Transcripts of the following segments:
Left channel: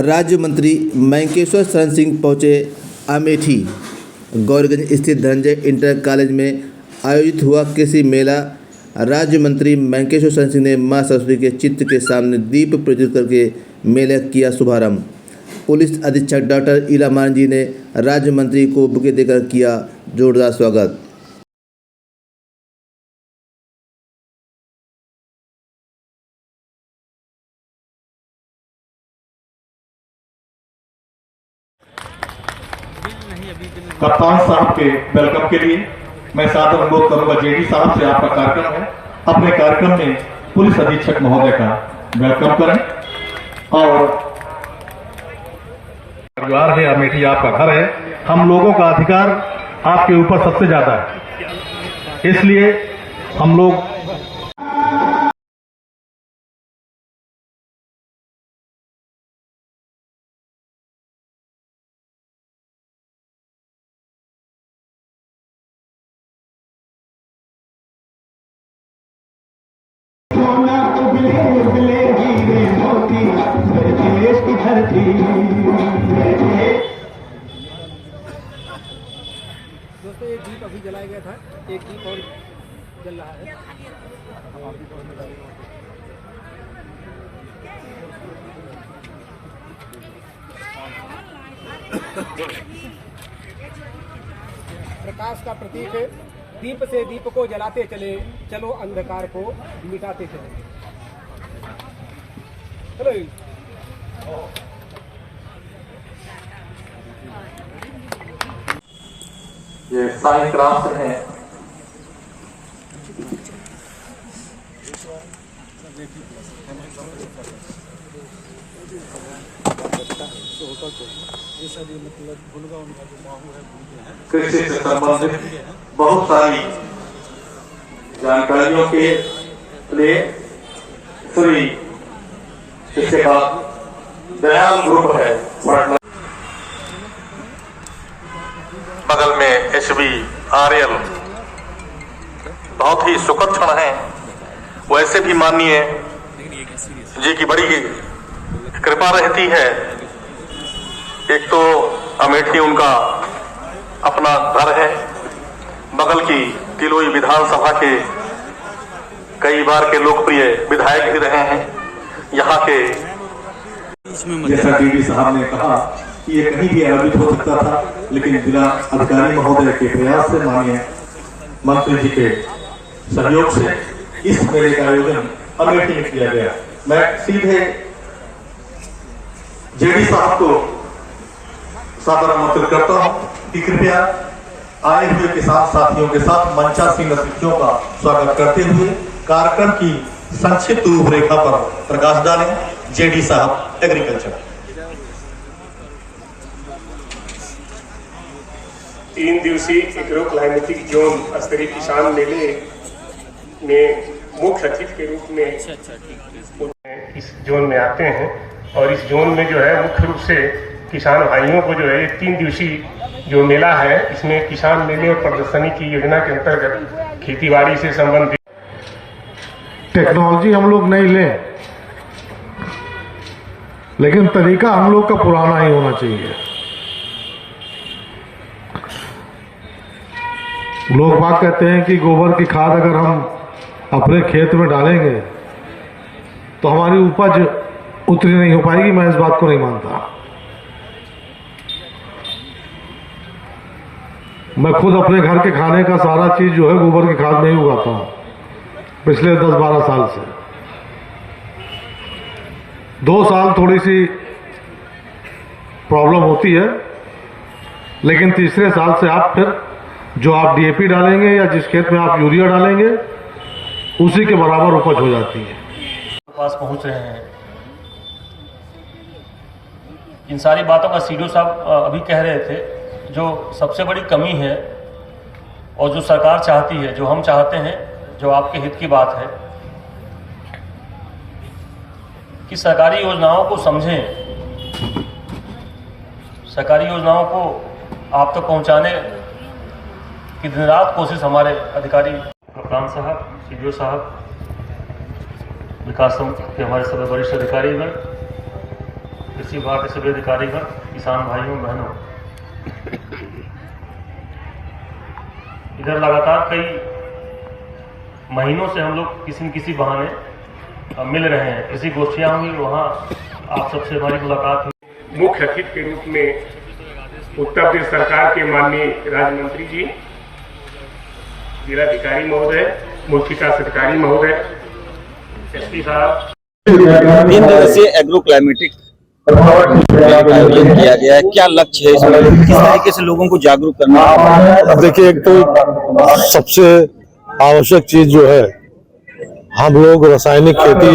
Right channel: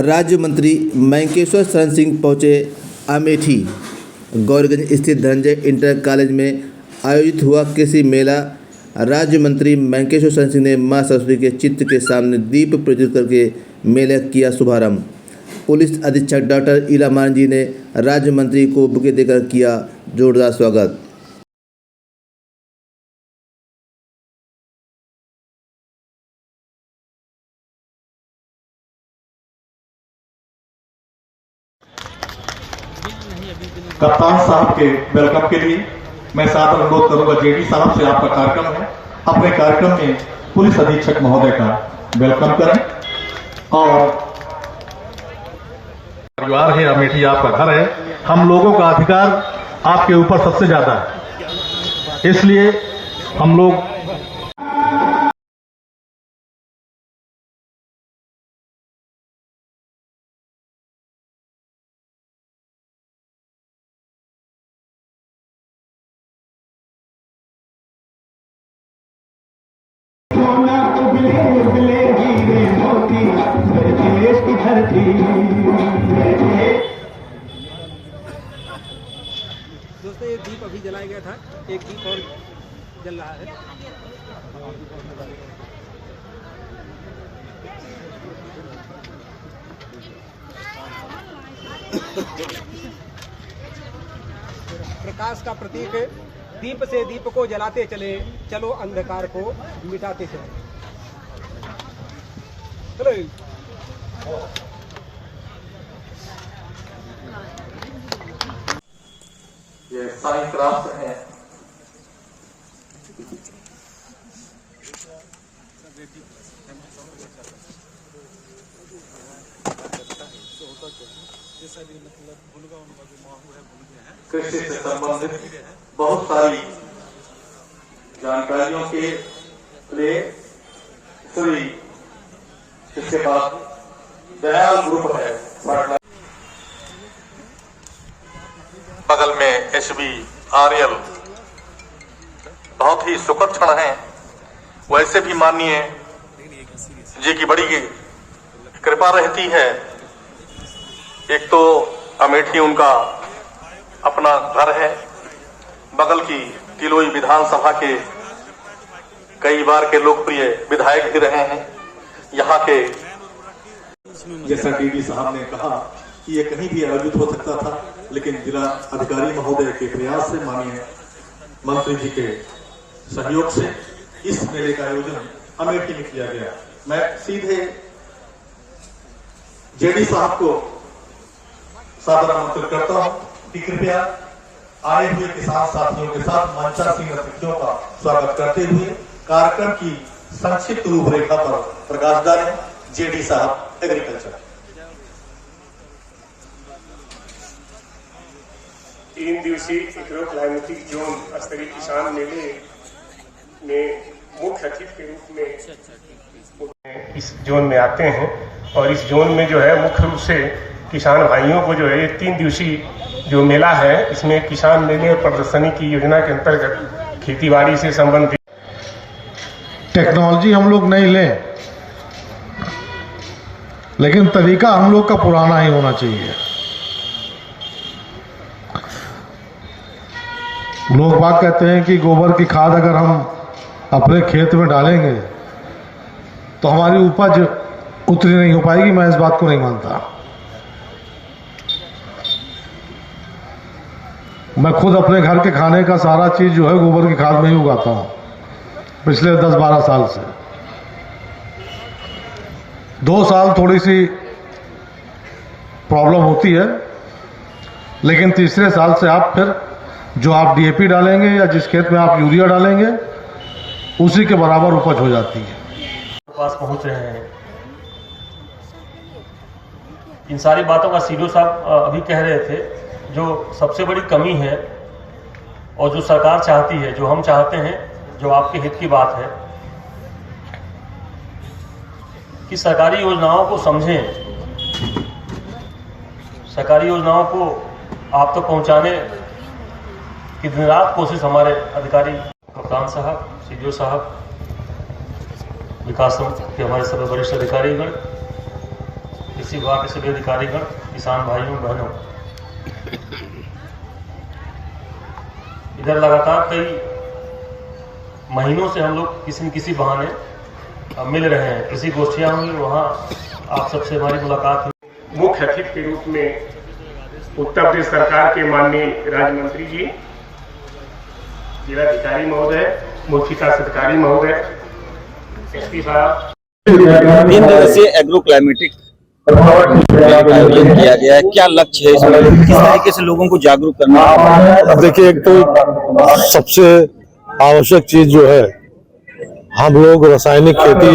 राज्य मंत्री मैंकेश्वर शरण सिंह पहुंचे अमेठी। गौरीगंज स्थित धनंजय इंटर कॉलेज में आयोजित हुआ कृषि मेला। राज्य मंत्री मैंकेश्वर शरण सिंह ने मां सरस्वती के चित्र के सामने दीप प्रज्वलित करके मेले किया शुभारंभ। पुलिस अधीक्षक डॉक्टर इला मांझी ने राज्य मंत्री को बुके देकर किया जोरदार स्वागत। कप्तान साहब के वेलकम के लिए मैं सादर अनुरोध करूंगा जेडी साहब से, आपका कार्यक्रम है, अपने कार्यक्रम में पुलिस अधीक्षक महोदय का वेलकम करें। और परिवार है, अमेठी आपका घर है, हम लोगों का अधिकार आपके ऊपर सबसे ज्यादा है, इसलिए हम लोग दोस्तों ये दीप अभी जलाया गया था, एक दीप और जल रहा है। प्रकाश का प्रतीक है, दीप से दीप को जलाते चले, चलो अंधकार को मिटाते चले। चलो ये साइंस क्राफ्ट है। कृषि से संबंधित बहुत सारी जानकारियों के लिए श्री इसके बाद दयाल ग्रुप है, बगल में HBRL, बहुत ही सुखद क्षण है। वैसे भी माननीय जी की बड़ी कृपा रहती है। एक तो अमेठी उनका अपना घर है, बगल की तिलोई विधानसभा के कई बार के लोकप्रिय विधायक भी रहे हैं। यहाँ के जैसा डीडी साहब ने कहा कि ये कहीं भी आयोजित हो सकता था, लेकिन जिला अधिकारी महोदय के प्रयास से, माननीय मंत्री जी के सहयोग से इस मेले का आयोजन अमेठी में किया गया। मैं सीधे जेडी साहब को सादर आमंत्रित करता हूं कि कृपया आए हुए किसान साथियों के साथ मंचासीन अतिथियों का स्वागत करते हुए कार्यक्रम की संक्षिप्त रूपरेखा पर प्रकाश डालें। जेडी साहब एग्रीकल्चर। 3 दिवसीय एग्रो क्लाइमेटिक जोन स्तरीय किसान मेले में मुख्य अतिथि के रूप में इस जोन में आते हैं। और इस जोन में जो है मुख्य रूप से किसान भाइयों को जो है ये 3 दिवसीय जो मेला है, इसमें किसान मेले और प्रदर्शनी की योजना के अंतर्गत खेतीबाड़ी से संबंधित टेक्नोलॉजी हम लोग नहीं लें, लेकिन तरीका हम लोग का पुराना ही होना चाहिए। लोग बात कहते हैं कि गोबर की खाद अगर हम अपने खेत में डालेंगे तो हमारी उपज उतनी नहीं हो पाएगी। मैं इस बात को नहीं मानता। मैं खुद अपने घर के खाने का सारा चीज जो है गोबर की खाद में ही उगाता हूं पिछले 10-12 साल से। 2 साल थोड़ी सी प्रॉब्लम होती है, लेकिन तीसरे साल से आप फिर जो आप DAP डालेंगे या जिस खेत में आप यूरिया डालेंगे उसी के बराबर उपज हो जाती है। पास पहुंच रहे हैं। इन सारी बातों का सीडीओ साहब अभी कह रहे थे। जो सबसे बड़ी कमी है और जो सरकार चाहती है, जो हम चाहते हैं, जो आपके हित की बात है कि सरकारी योजनाओं को समझें, सरकारी योजनाओं को आप तक पहुंचाने की दिन रात कोशिश हमारे अधिकारी कप्तान साहब, सीडीओ साहब, विकास के हमारे सभी वरिष्ठ अधिकारीगण, कृषि विभाग के सभी अधिकारीगण, किसान भाइयों बहनों, इधर लगातार कई महीनों से हम लोग किसी न किसी बहाने मिल रहे हैं। किसी गोष्ठियां हुई, वहाँ आप सबसे हमारी मुलाकात हुई। मुख्य अतिथि के रूप में उत्तर प्रदेश सरकार के माननीय राज्य मंत्री जी, जिलाधिकारी महोदय, मुख्य विकास अधिकारी महोदय, एसपी साहब। 3 दिवसीय एग्रो क्लाइमेटिक आयोजन किया गया है। क्या लक्ष्य है इसमें, किस तरीके से लोगों को जागरूक करना है? देखिए, एक तो सबसे आवश्यक चीज जो है, हम लोग रासायनिक खेती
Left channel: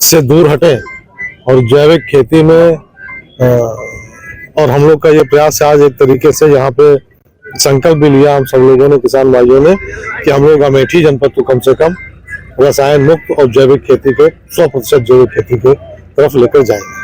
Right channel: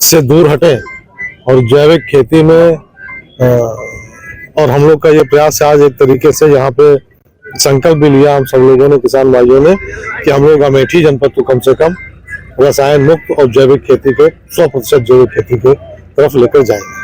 से दूर हटें और जैविक खेती में और हम लोग का ये प्रयास है आज एक तरीके से यहाँ पे संकल्प भी लिया हम सब लोगों ने, किसान भाइयों ने, कि हम लोग अमेठी जनपद को कम से कम रसायन मुक्त और जैविक खेती के 100% जैविक खेती के तरफ लेकर जाएंगे।